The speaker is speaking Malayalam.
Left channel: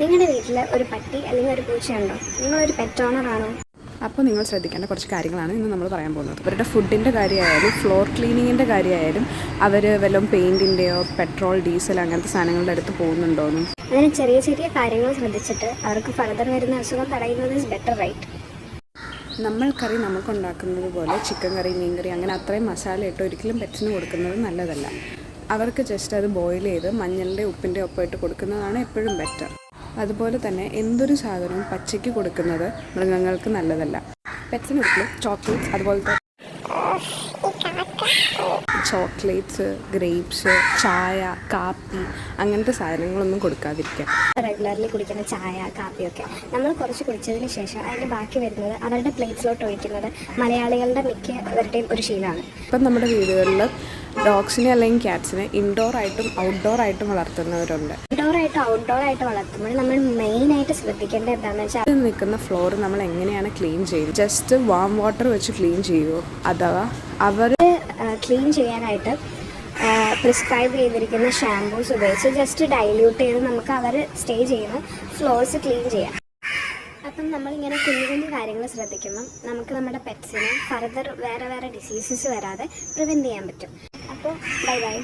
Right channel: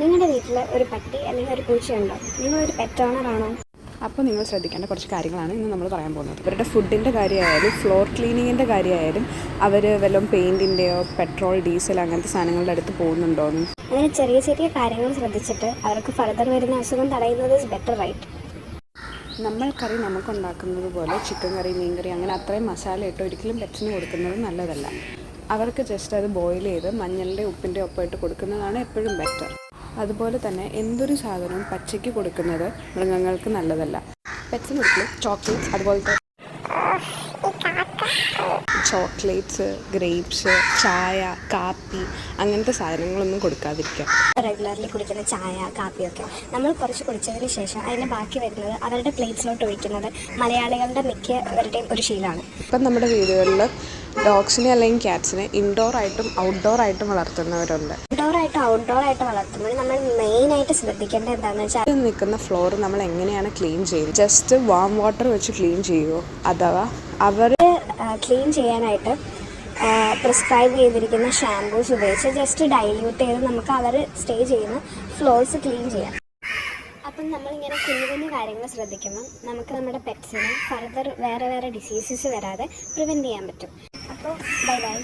നിങ്ങളുടെ വീട്ടിൽ ഒരു പട്ടി അല്ലെങ്കിൽ ഒരു പൂച്ചയുണ്ടോ? നിങ്ങളൊരു പെറ്റ് ഓണറാണോ? അപ്പോൾ നിങ്ങൾ ശ്രദ്ധിക്കേണ്ട കുറച്ച് കാര്യങ്ങളാണ് ഇന്ന് നമ്മൾ പറയാൻ പോകുന്നത്. ഇവരുടെ ഫുഡിൻ്റെ കാര്യമായാലും ഫ്ലോർ ക്ലീനിങ്ങിൻ്റെ കാര്യമായാലും അവർ വല്ലതും പെയിൻറ്റിൻ്റെയോ പെട്രോൾ ഡീസൽ അങ്ങനത്തെ സാധനങ്ങളുടെ അടുത്ത് പോകുന്നുണ്ടോയെന്നും അങ്ങനെ ചെറിയ ചെറിയ കാര്യങ്ങൾ ശ്രദ്ധിച്ചിട്ട് അവർക്ക് ഫർദർ വരുന്ന അസുഖം തടയുന്നത് ഇസ് ബെറ്റർ, റൈറ്റ്? നമ്മൾ കറി നമുക്കുണ്ടാക്കുന്നത് പോലെ ചിക്കൻ കറി മീൻ കറി അങ്ങനെ അത്രയും മസാല ഇട്ട് ഒരിക്കലും പെറ്റ്സിന് കൊടുക്കുന്നത് നല്ലതല്ല. അവർക്ക് ജസ്റ്റ് അത് ബോയിൽ ചെയ്ത് മഞ്ഞളിൻ്റെ ഉപ്പിൻ്റെ ഒപ്പം ഇട്ട് കൊടുക്കുന്നതാണ് എപ്പോഴും ബെറ്റർ. അതുപോലെ തന്നെ എന്തൊരു സാധനവും പച്ചയ്ക്ക് കൊടുക്കുന്നത് മൃഗങ്ങൾക്ക് നല്ലതല്ല. പെറ്റ്സിന് ഒരിക്കലും ചോക്ലേറ്റ്സ് അതുപോലത്തെ ചോക്ലേറ്റ്സ്, ഗ്രേപ്സ്, ചായ, കാപ്പി അങ്ങനത്തെ സാധനങ്ങളൊന്നും കൊടുക്കാതിരിക്കുക. റെഗുലർലി കുടിക്കുന്ന ചായ കാപ്പിയൊക്കെ നമ്മൾ കുറച്ച് കുടിച്ചതിന് ശേഷം അതിൻ്റെ ബാക്കി വരുന്നത് അവരുടെ പ്ലേറ്റ്സിലോട്ട് ഒഴിക്കുന്നത് മലയാളികളുടെ മിക്കവരുടെയും ഒരു ശീലമാണ്. ഇപ്പം നമ്മുടെ വീടുകളിൽ ഡോഗ്സിനെ അല്ലെങ്കിൽ ക്യാറ്റ്സിനെ ഇൻഡോർ ആയിട്ടും ഔട്ട്ഡോർ ആയിട്ടും വളർത്തുന്നവരുണ്ട്. ഇൻഡോറായിട്ടും ഔട്ട്ഡോറായിട്ടും വളർത്തുമ്പോൾ നമ്മൾ മെയിനായിട്ട് ശ്രദ്ധിക്കേണ്ടത് എന്താണെന്ന് വെച്ചാൽ അത് നിൽക്കുന്ന ഫ്ലോർ നമ്മൾ എങ്ങനെയാണ് ക്ലീൻ ചെയ്യുന്നത്? ജസ്റ്റ് വാം വാട്ടർ വെച്ച് ക്ലീൻ ചെയ്യുമോ, അഥവാ അവർ ക്ലീൻ ചെയ്യാനായിട്ട് പ്രിസ്ക്രൈബ് ചെയ്തിരിക്കുന്ന ഷാംപൂസ് ഉപയോഗിച്ച് ജസ്റ്റ് ഡൈല്യൂട്ട് ചെയ്ത് നമുക്ക് അവർ സ്റ്റേ ചെയ്യുന്ന ഫ്ലോർസ് ക്ലീൻ ചെയ്യാം. അപ്പം നമ്മളിങ്ങനെ കുഞ്ഞു കുഞ്ഞു കാര്യങ്ങൾ ശ്രദ്ധിക്കുമ്പം നമുക്ക് നമ്മുടെ പെറ്റ്സിന് ഫർദർ വേറെ ഡിസീസസ് വരാതെ പ്രിവെൻറ്റ് ചെയ്യാൻ പറ്റും. അപ്പോൾ ബൈ ബൈ.